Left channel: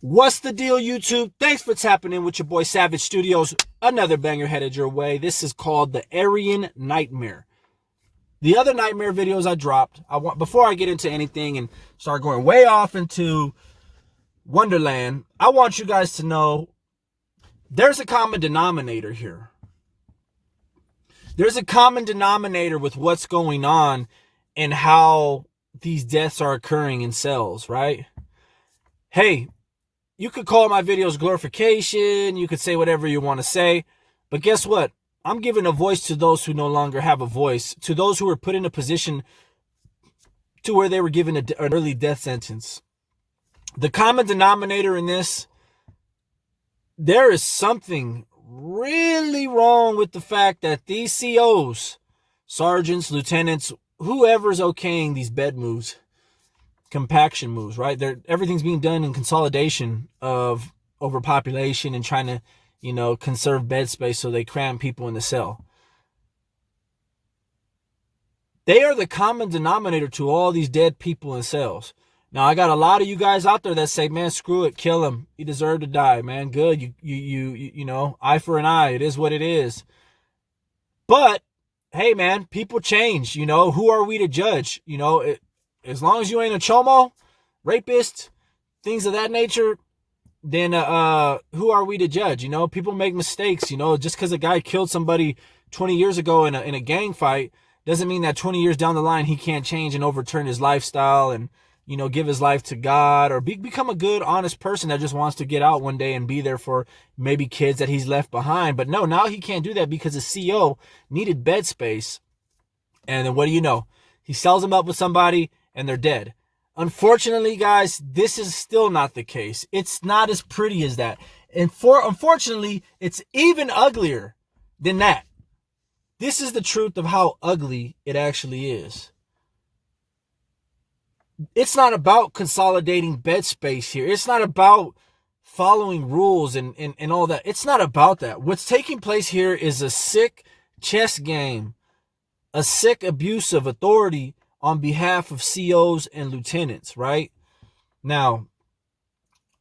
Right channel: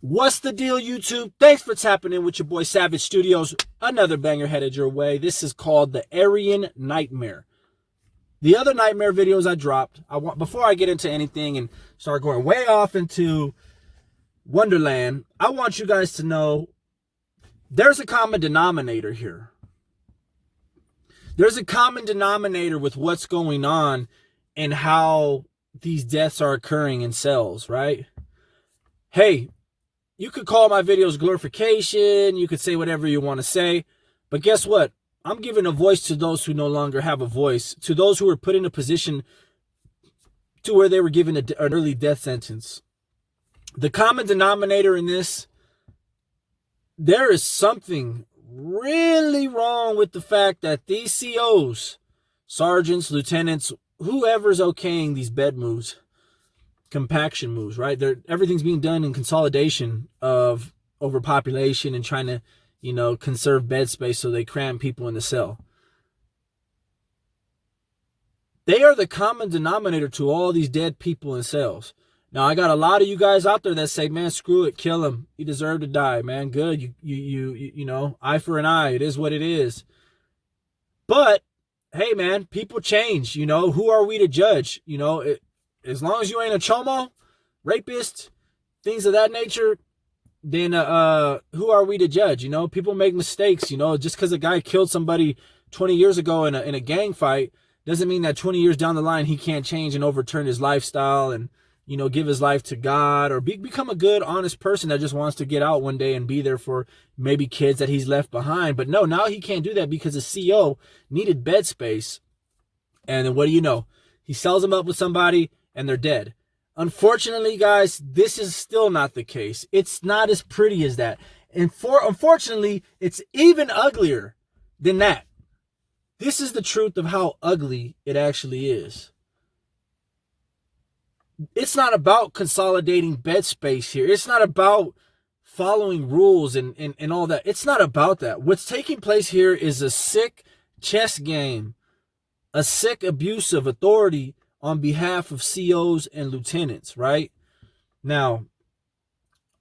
What's the deal, YouTube? Thanks for tapping in with your boy Savage Studios. Another banger headed your way. This is called the Aryan Nightmare. The other nightmare videos I dropped, before I get into anything and start going way off into Wonderland, I want you guys to know there's a common denominator here. There's a common denominator with what's going on and how these deaths are occurring in cells, right? Hey, you could call my videos glorification. You could say whatever you want to say. But guess what? I'm giving a voice to those who no longer have a voice, to those who were put in a position to where they were given an early death sentence. The common denominator in this, there is something really wrong with the fact that these COs, sergeants, lieutenants, whoever's okaying these bed moves, compaction moves, right? Everything's being done in consolidation of overpopulation and trying to, conserve bed space, so they cram people in the cell. They are the common denominator to all these dead people in cells. Now, I got a lot of you guys out there that say, man, screw it, kill him. He deserved to die, man. Good. You eye for an eye. It is what it is. But, hey, man, people change. Who are we to judge? As long as you ain't a chomo, rapist, things of that nature, then who are we to judge? People make mistakes. Just because a guy killed somebody 20 years ago in a gang fight doesn't mean that 20 years down the line he can't change and overturn his lifestyle and, give his life to God or become a good, honest person that just wants to get out one day and be there for maybe kids that he's left behind. But no, now he can't do that because the CO needed bed space. And then what do you know? He sells them up with somebody and they're dead. Unfortunately, guys, this is still not the case. It's not as pretty as that. And unfortunately, it's even uglier than that. This is the truth of how ugly it actually is. It's not about consolidating bed space here. It's not about following rules and all that. It's not about that. What's taking place here is a sick chess game, a sick abuse of authority on behalf of COs and lieutenants, right? Now,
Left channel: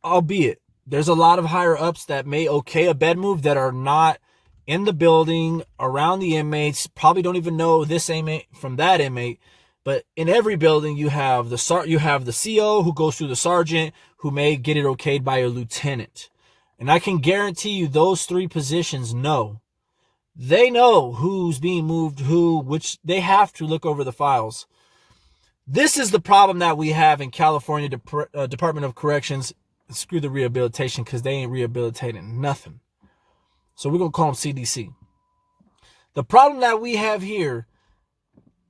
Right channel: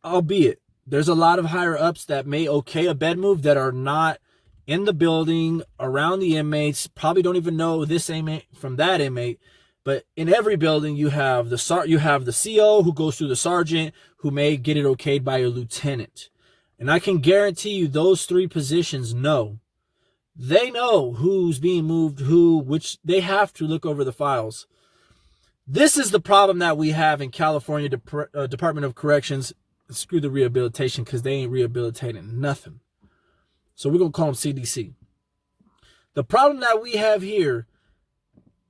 albeit, there's a lot of higher ups that may okay a bed move that are not in the building, around the inmates, probably don't even know this inmate from that inmate. But in every building, you have the CO who goes through the sergeant, who may get it okayed by a lieutenant. And I can guarantee you those three positions know. They know who's being moved, which they have to look over the files. This is the problem that we have in California Department of Corrections. Screw the rehabilitation, because they ain't rehabilitating nothing. So we're going to call them CDC. The problem that we have here,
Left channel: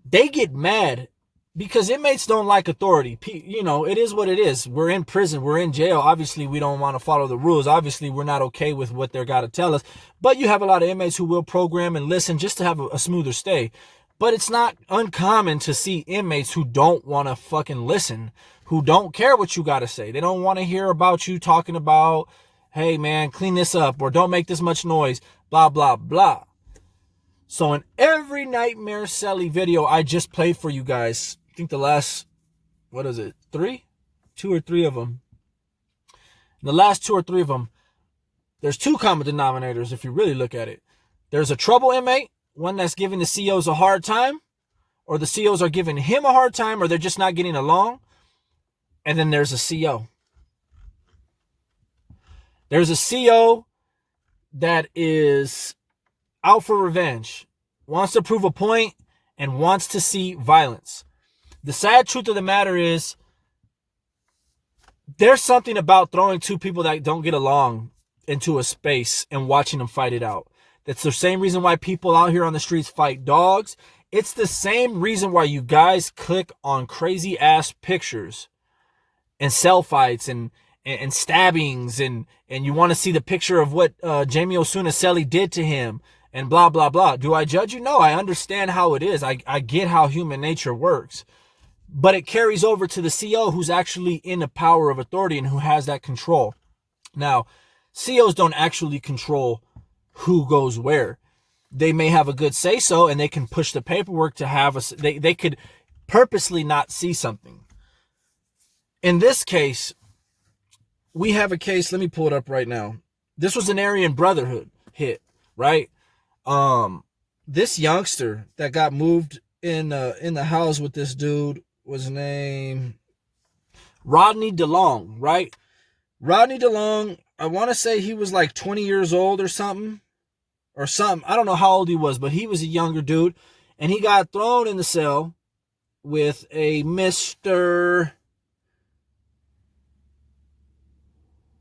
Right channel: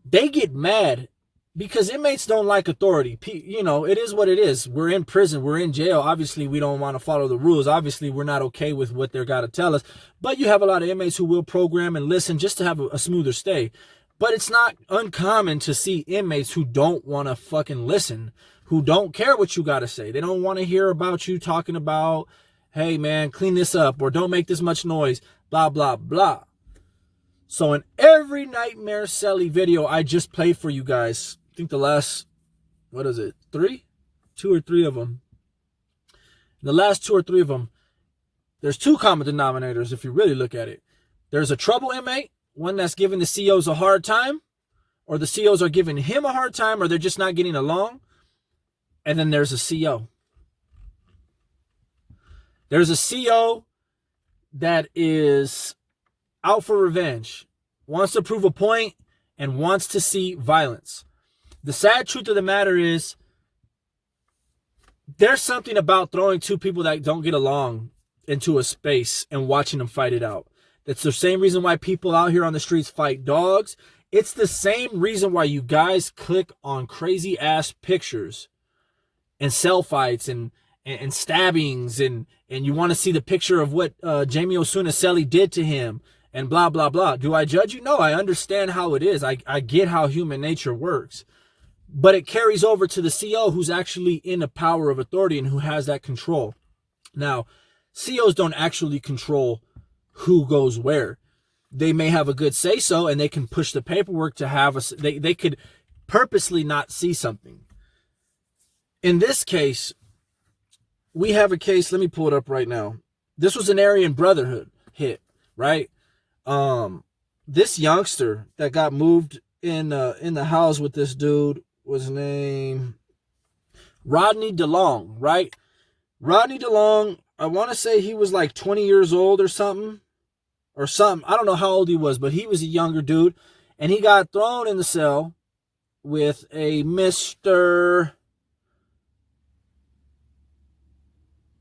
they get mad because inmates don't like authority. It is what it is. We're in prison. We're in jail. Obviously, we don't want to follow the rules. Obviously, we're not okay with what they're got to tell us. But you have a lot of inmates who will program and listen just to have a smoother stay. But it's not uncommon to see inmates who don't want to fucking listen, who don't care what you got to say. They don't want to hear about you talking about, hey, man, clean this up, or don't make this much noise, blah, blah, blah. So in every Nightmare Celly video I just played for you guys, I think the last, 2 or 3 of them. The last 2 or 3 of them, there's 2 common denominators if you really look at it. There's a trouble inmate, one that's giving the COs a hard time, or the COs are giving him a hard time, or they're just not getting along. And then there's a CO. There's a CO that is out for revenge, wants to prove a point, and wants to see violence. The sad truth of the matter is, there's something about throwing 2 people that don't get along into a space and watching them fight it out. That's the same reason why people out here on the streets fight dogs. It's the same reason why you guys click on crazy ass pictures and cell fights and stabbings and you want to see the picture of what Jamie Osuna Celly did to him and blah, blah, blah. Do I judge you? No, I understand how it is. I get how human nature works. But it carries over to the CO who's actually in the power of authority and who has that control. Now, COs don't actually control who goes where. They may have a good say-so and they can push the paperwork to have they could purposely not see something. In this case, we have a case. Let me pull it up right now. This was an Aryan Brotherhood hit, right? This youngster that got moved in the house with this dude was named Rodney DeLong, right? Rodney DeLong, I want to say he was like 20 years old or something. I don't know how old he was, but he was a younger dude. And he got thrown in the cell with a Mr.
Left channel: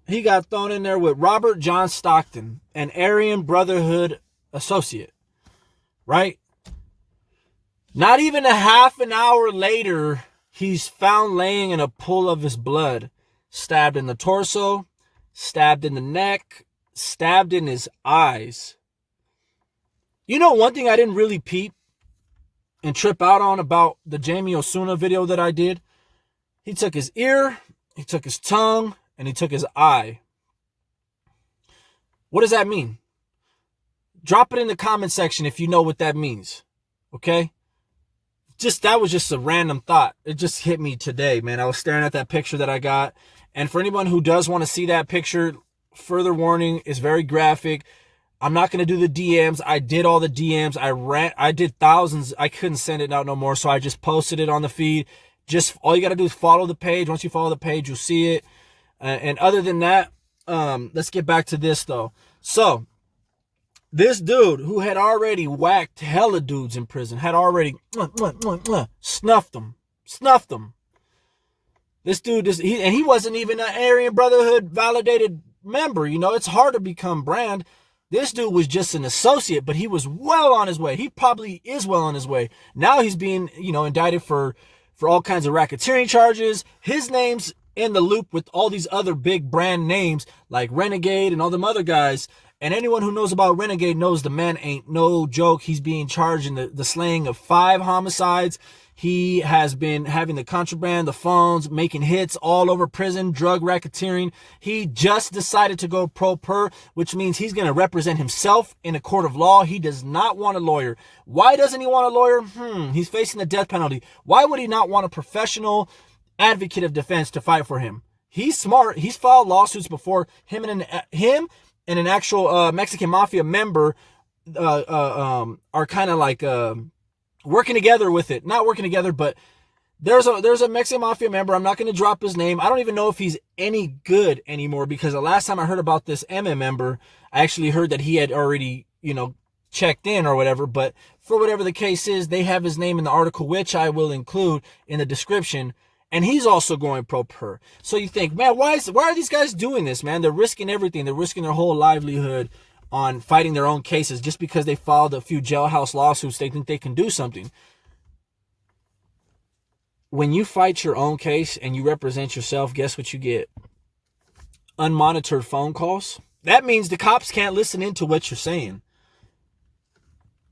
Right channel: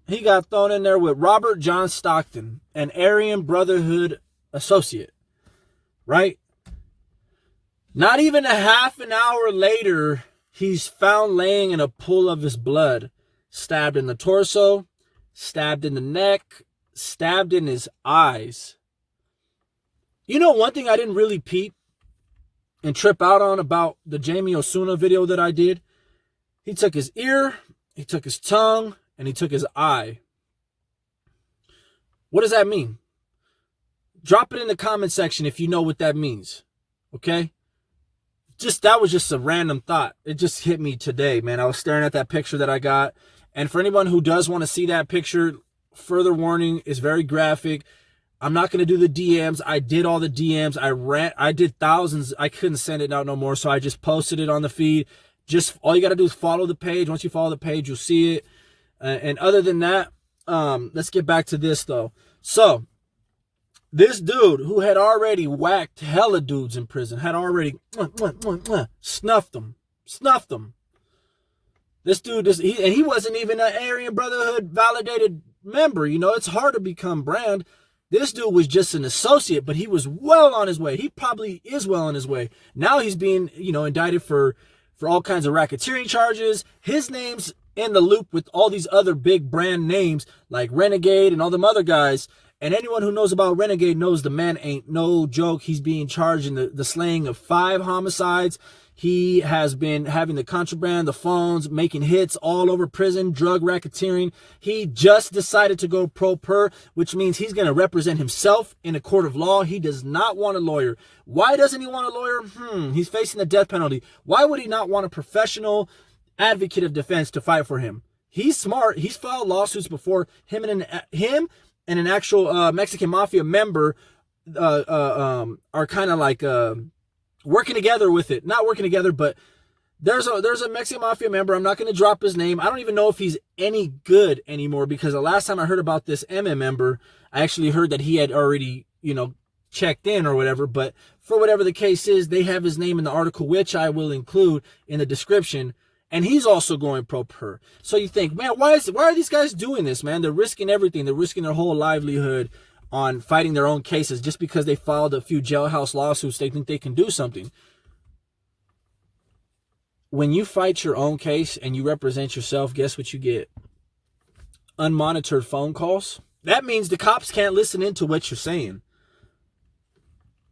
He got thrown in there with Robert John Stockton, an Aryan Brotherhood associate, right? Not even a half an hour later, he's found laying in a pool of his blood, stabbed in the torso, stabbed in the neck, stabbed in his eyes. You know, one thing I didn't really peep and trip out on about the Jamie Osuna video that I did, he took his ear, he took his tongue, and he took his eye. What does that mean? Drop it in the comment section if you know what that means. Okay? That was just a random thought. It just hit me today, man. I was staring at that picture that I got. And for anyone who does want to see that picture, further warning, is very graphic. I'm not going to do the DMs. I did all the DMs. I did thousands. I couldn't send it out no more. So I just posted it on the feed. Just all you got to do is follow the page. Once you follow the page, you'll see it. And other than that, let's get back to this though. So this dude who had already whacked hella dudes in prison, had already snuffed them. This dude, he wasn't even an Aryan Brotherhood validated member. You know, it's hard to become brand. This dude was just an associate, but he was well on his way. He probably is well on his way. Now he's being, indicted for all kinds of racketeering charges. His name's in the loop with all these other big brand names like Renegade and all them other guys. And anyone who knows about Renegade knows the man ain't no joke. He's being charged in the slaying of 5 homicides. He has been having the contraband, the phones, making hits all over prison, drug racketeering. He just decided to go pro per, which means he's going to represent himself in a court of law. He does not want a lawyer. Why doesn't he want a lawyer? He's facing the death penalty. Why would he not want a professional advocate of defense to fight for him? He's smart. He's filed lawsuits before. Him and an actual Mexican mafia member are kind of like working together with it. Not working together, but there's a Mexican mafia member. I'm not going to drop his name. I don't even know if he's any good anymore, because the last time I heard about this MM member, I actually heard that he had already, checked in or whatever. But for whatever the case is, they have his name in the article, which I will include in the description. And he's also going pro per. So you think, man, why are these guys doing this, man? They're risking everything. They're risking their whole livelihood on fighting their own cases just because they filed a few jailhouse lawsuits. They think they can do something. When you fight your own case and you represent yourself, guess what you get? Unmonitored phone calls. That means the cops can't listen into what you're saying.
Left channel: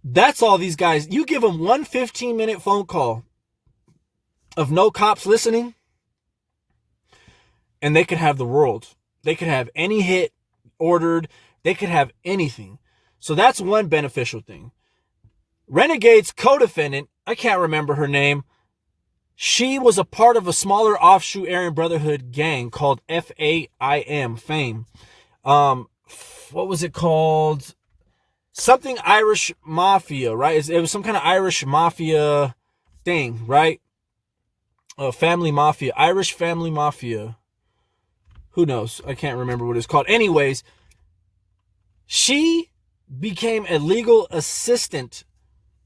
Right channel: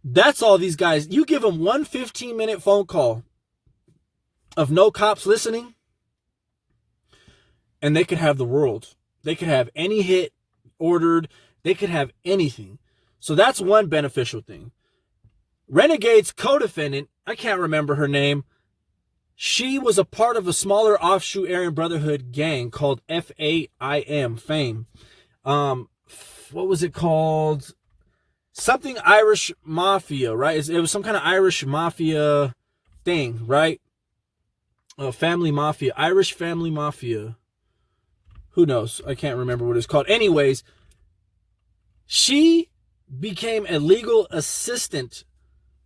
That's all these guys. You give them one 15-minute phone call of no cops listening, and they could have the world. They could have any hit ordered. They could have anything. So that's one beneficial thing. Renegade's co-defendant, I can't remember her name. She was a part of a smaller offshoot Aryan Brotherhood gang called FAIM, Fame. What was it called? Something Irish Mafia, right? It was some kind of Irish Mafia thing, right? Family Mafia, Irish Family Mafia. Who knows? I can't remember what it's called. Anyways, she became a legal assistant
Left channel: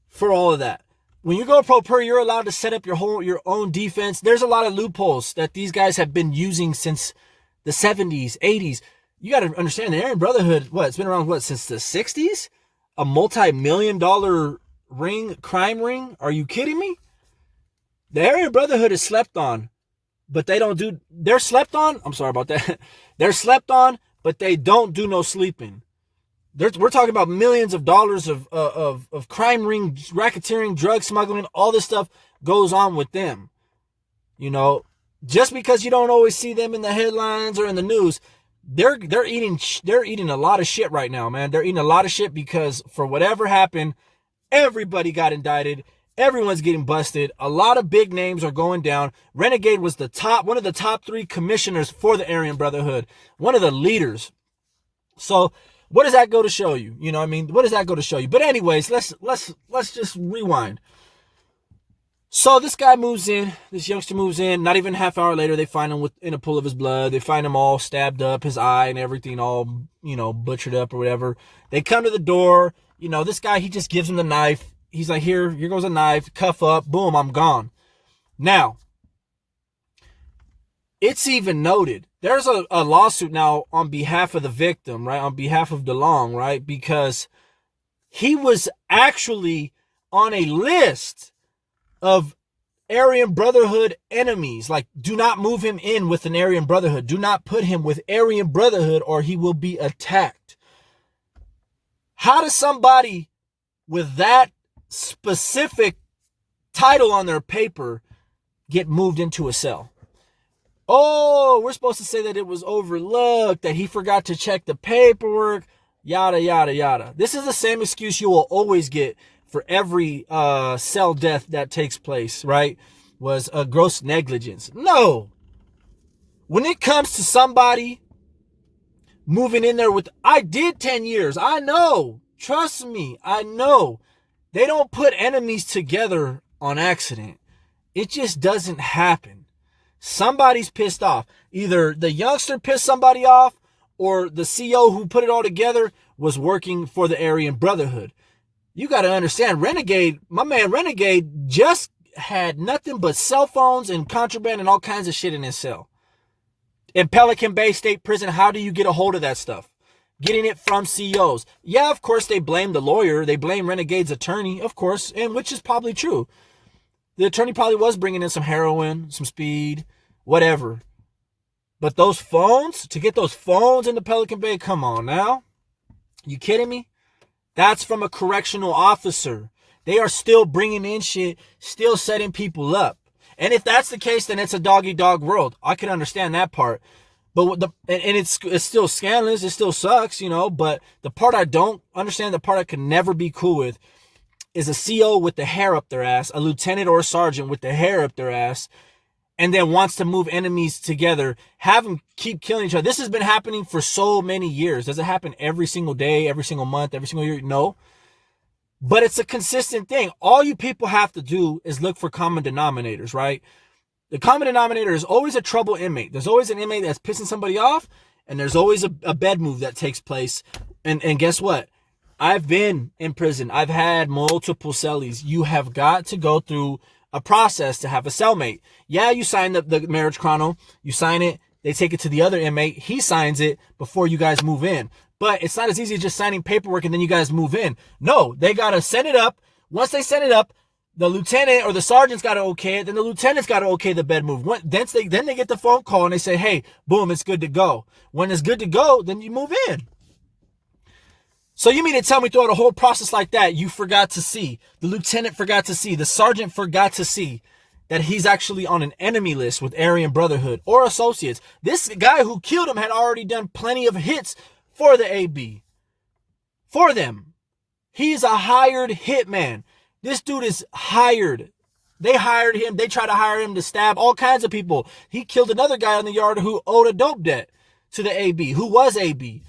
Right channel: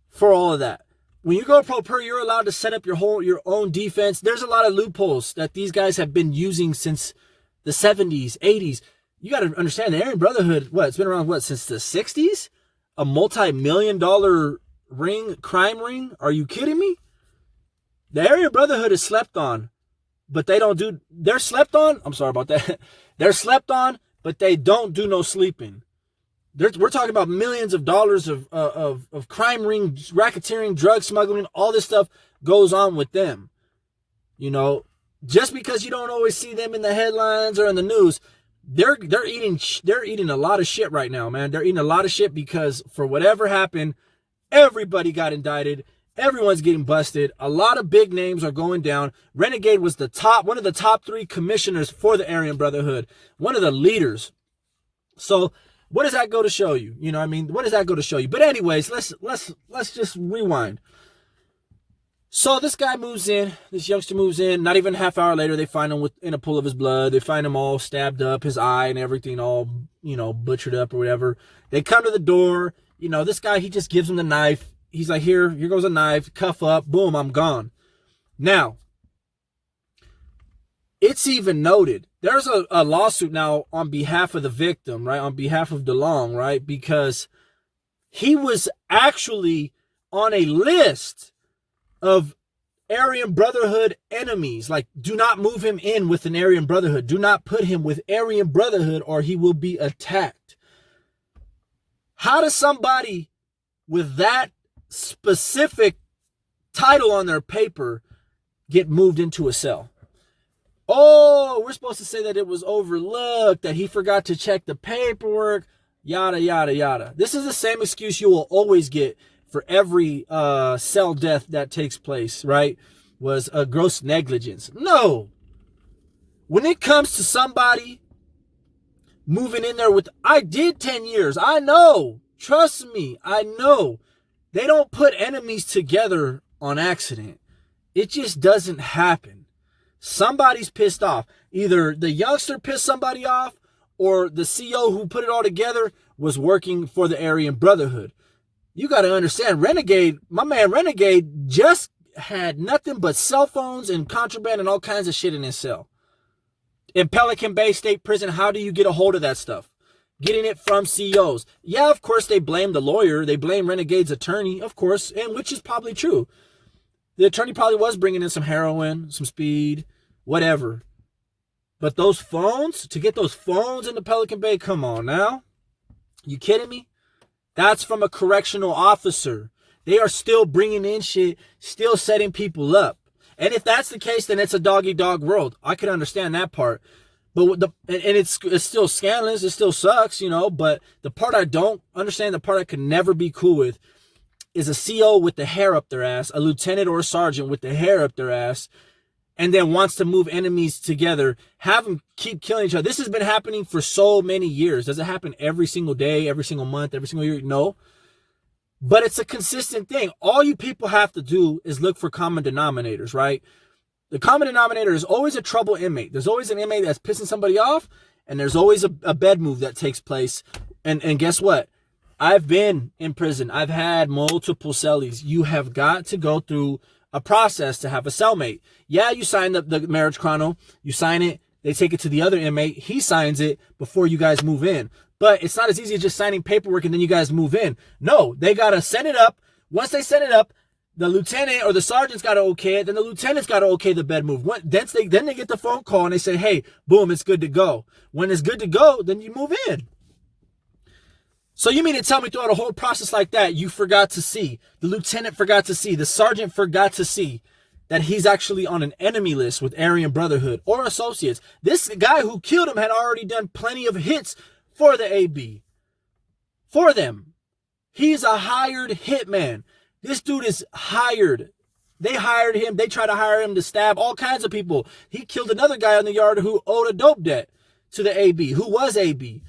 for all of that. When you go pro per, you're allowed to set up your own defense. There's a lot of loopholes that these guys have been using since the 70s, 80s. You got to understand the Aryan Brotherhood, it's been around, since the 60s? A multi-million-dollar crime ring? Are you kidding me? The Aryan Brotherhood is slept on, but they're slept on. I'm sorry about that. They're slept on, but they don't do no sleeping. We're talking about millions of dollars of crime ring, racketeering, drug smuggling, all this stuff goes on with them. Just because you don't always see them in the headlines or in the news, they're eating a lot of shit right now, man. They're eating a lot of shit because for whatever happened, everybody got indicted. Everyone's getting busted. A lot of big names are going down. Renegade was one of the top 3 commissioners for the Aryan Brotherhood, one of the leaders. So what does that go to show you? You know what I mean? What does that go to show you? But anyways, let's just rewind. So this guy moves in, this youngster moves in. Not even a half hour later, they find him in a pool of his blood. They find him all stabbed up, his eye and everything all, butchered up or whatever. They come to the door. This guy, he just gives him the knife. He's like, here goes a knife, cuff up, boom, I'm gone. Now, it's even noted, there's a lawsuit now on behalf of the victim, right? On behalf of DeLong, right? Because he was actually on a list of Aryan Brotherhood enemies. Like, do not move him in with an Aryan Brotherhood. Do not put him with Aryan Brotherhood or he will be attacked. How does somebody with that specific title on their paper get moved into a cell? Oh, we're supposed to say that it was overlooked, that he forgot to check the paperwork, yada, yada, yada. This is the same excuse you will always get for every cell death that takes place, right? Was a gross negligence. No. When it comes to somebody moving in there with, I did 10 years. I know. Trust me. I know. They don't put enemies together on accident. It just doesn't happen. Somebody's pissed off. Either the youngster pissed somebody off or the CO who put it all together was working for the Aryan Brotherhood. You got to understand, Renegade, my man Renegade just had nothing but cell phones and contraband and all kinds of shit in his cell. In Pelican Bay State Prison, how do you get a hold of that stuff? Getting it from COs. Yeah, of course, they blame the lawyer. They blame Renegade's attorney, of course, and which is probably true. The attorney probably was bringing in some heroin, some speed, whatever. But those phones, to get those phones into Pelican Bay, come on now. You kidding me? That's from a correctional officer. They are still bringing in shit, still setting people up. And if that's the case, then it's a dog-eat-dog world. I can understand that part. But it's still scandalous. It still sucks, But the part I don't understand, the part I could never be cool with, is a CO with the hair up their ass, a lieutenant or a sergeant with the hair up their ass, and then wants to move enemies together, have them keep killing each other. This has been happening for so many years. Does it happen every single day, every single month, every single year? No. But it's a consistent thing. All you people have to do is look for common denominators, right? The common denominator is always a trouble inmate. There's always an inmate that's pissing somebody off, and there's always a bed move that takes place. And guess what? I've been in prison. I've had multiple cellies. You have got to go through a process to have a cellmate. Yeah, you sign the marriage chrono. You sign it. They take it to the other inmate. He signs it before you guys move in. But it's not as easy as just signing paperwork and then you guys move in. No, they got to send it up. Once they send it up, the lieutenant or the sergeant's got to okay it. Then the lieutenant's got to okay the bed move. Then they get the phone call and they say, hey, boom, it's good to go. When it's good to go, then you move in. So you mean to tell me throughout a whole process like that, you forgot to see, the lieutenant forgot to see, the sergeant forgot to see that he's actually on an enemy list with Aryan Brotherhood or associates. This guy who killed him had already done plenty of hits for the AB. For them. He's a hired hitman. This dude is hired. They hired him. They tried to hire him to stab all kinds of people. He killed another guy on the yard who owed a dope debt to the AB, who was AB.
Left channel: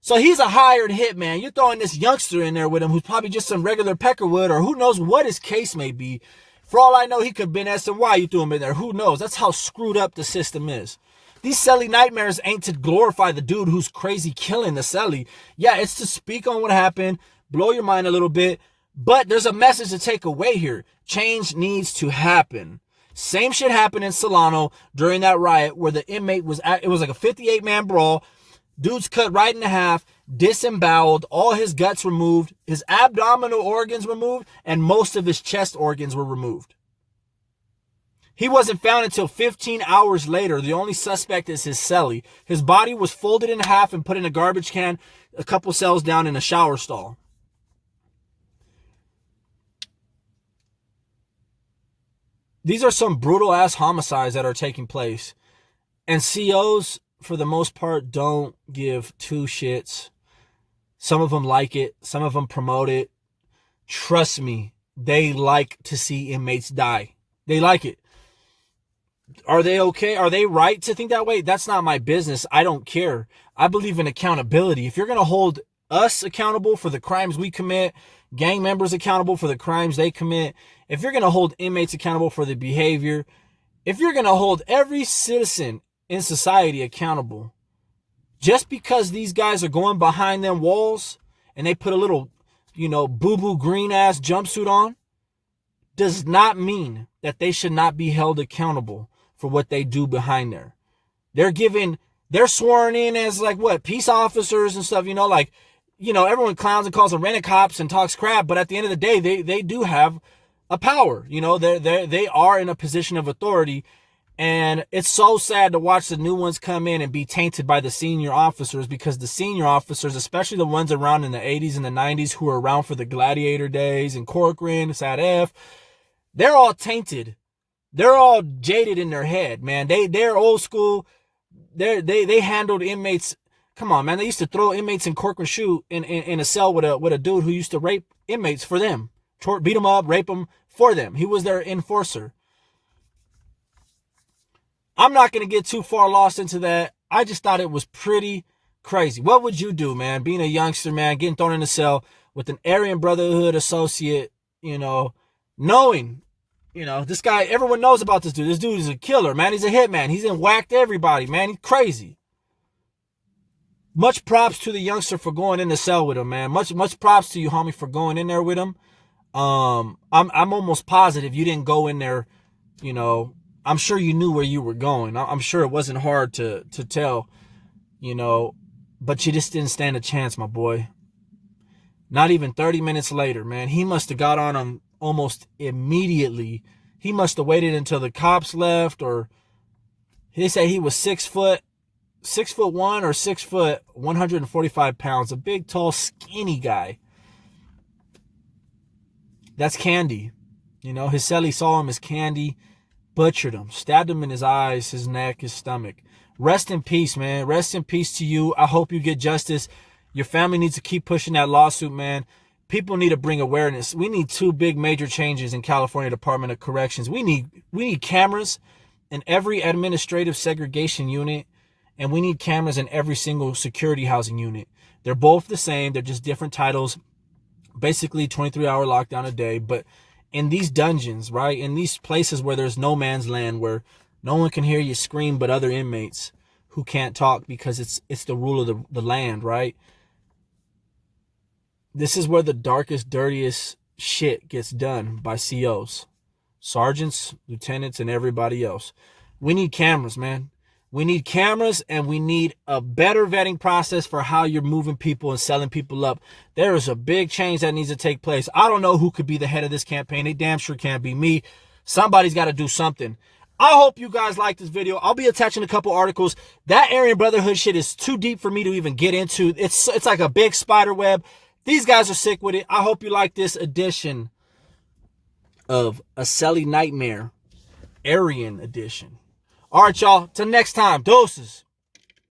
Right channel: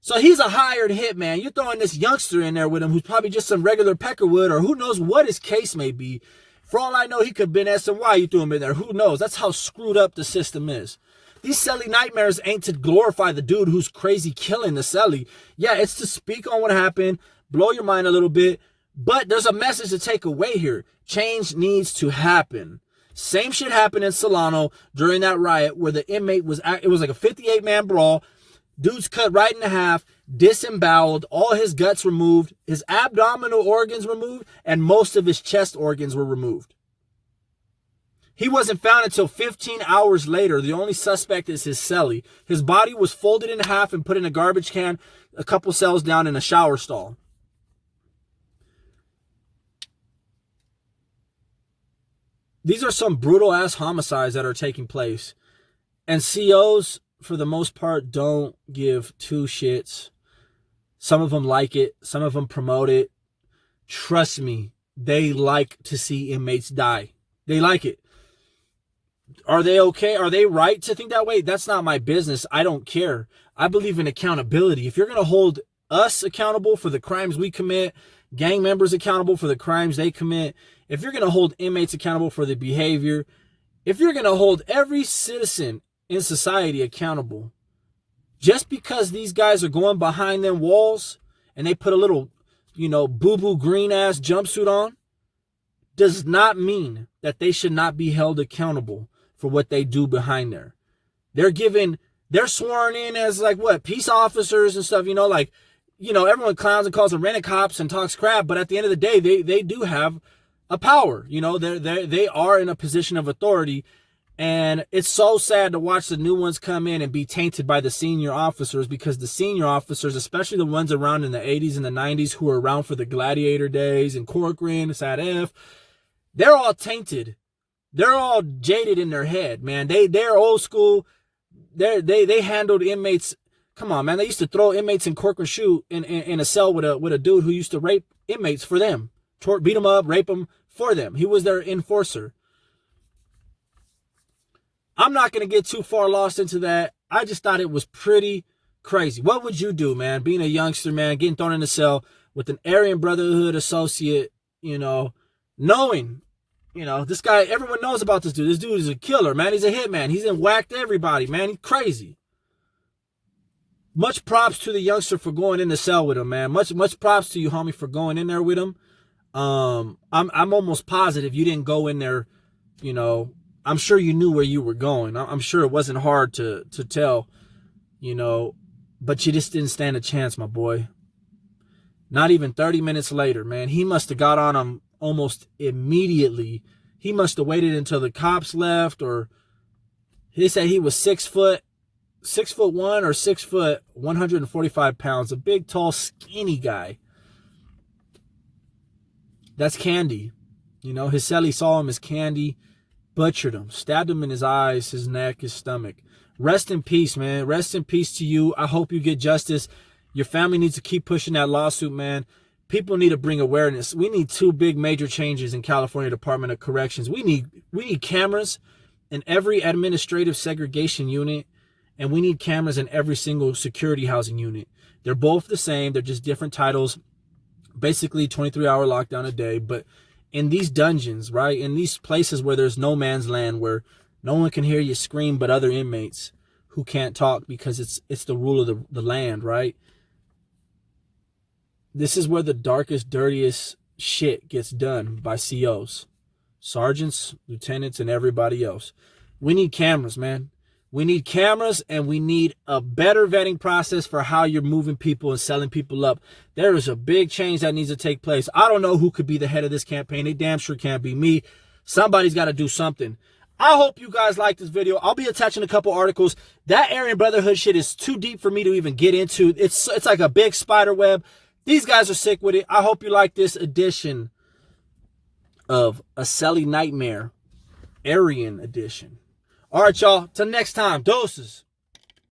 So he's a hired hitman. You're throwing this youngster in there with him who's probably just some regular Peckerwood or who knows what his case may be. For all I know, he could have been SNY. You threw him in there. Who knows? That's how screwed up the system is. These Celly nightmares ain't to glorify the dude who's crazy killing the Celly. Yeah, it's to speak on what happened, blow your mind a little bit, but there's a message to take away here. Change needs to happen. Same shit happened in Solano during that riot where the inmate it was like a 58-man brawl. Dude's cut right in half, disemboweled, all his guts removed, his abdominal organs removed, and most of his chest organs were removed. He wasn't found until 15 hours later. The only suspect is his celly. His body was folded in half and put in a garbage can a couple cells down in a shower stall. These are some brutal-ass homicides that are taking place. And COs, for the most part, don't give two shits. Some of them like it. Some of them promote it. Trust me, they like to see inmates die. They like it. Are they okay? Are they right to think that way? That's not my business. I don't care. I believe in accountability. If you're going to hold us accountable for the crimes we commit, gang members accountable for the crimes they commit, if you're going to hold inmates accountable for the behavior, if you're going to hold every citizen in society accountable, just because these guys are going behind them walls and they put a little, boo-boo green ass jumpsuit on, does not mean that they should not be held accountable for what they do behind there. They're sworn in as peace officers and stuff, everyone clowns and calls them rent-a-cops and talks crap, but at the end of the day, they do have a power. They are in a position of authority, and it's so sad to watch the new ones come in and be tainted by the senior officers, because the senior officers, especially the ones around in the 80s and the 90s who were around for the Gladiator days and Corcoran, Sad F, they're all tainted. They're all jaded in their head, man. They're old school. They handled inmates. Come on, man. They used to throw inmates in Corcoran shoe in a cell with a dude who used to rape inmates for them. Beat them up, rape them for them. He was their enforcer. I'm not going to get too far lost into that. I just thought it was pretty crazy. What would you do, man? Being a youngster, man, getting thrown in a cell with an Aryan Brotherhood associate, knowing, this guy, everyone knows about this dude. This dude is a killer, man. He's a hitman. He's whacked everybody, man. He's crazy. Much props to the youngster for going in the cell with him, man. Much props to you, homie, for going in there with him. I'm almost positive you didn't go in there, I'm sure you knew where you were going. I'm sure it wasn't hard to tell, but you just didn't stand a chance, my boy. Not even 30 minutes later, man, he must have got on him almost immediately. He must have waited until the cops left, or he said he was 6'1" or 6 foot, 145 pounds, a big, tall, skinny guy. That's Candy. His Celly saw him as Candy, butchered him, stabbed him in his eyes, his neck, his stomach. Rest in peace, man. Rest in peace to you. I hope you get justice. Your family needs to keep pushing that lawsuit, man. People need to bring awareness. We need 2 big major changes in California Department of Corrections. We need cameras in every administrative segregation unit, and we need cameras in every single security housing unit. They're both the same. They're just different titles. Basically 23-hour lockdown a day, but in these dungeons, right, in these places where there's no man's land, where no one can hear you scream but other inmates who can't talk because it's the rule of the land, right? This is where the darkest, dirtiest shit gets done by COs, sergeants, lieutenants, and everybody else. We need cameras, man. We need cameras, and we need a better vetting process for how you're moving people and selling people up. There is a big change that needs to take place. I don't know who could be the head of this campaign. They damn sure can't be me. Somebody's got to do something. I hope you guys like this video. I'll be attaching a couple articles. That Aryan Brotherhood shit is too deep for me to even get into. It's like a big spider web. These guys are sick with it. I hope you like this edition of A Celly Nightmare, Aryan edition. All right, y'all. Till next time. Doses.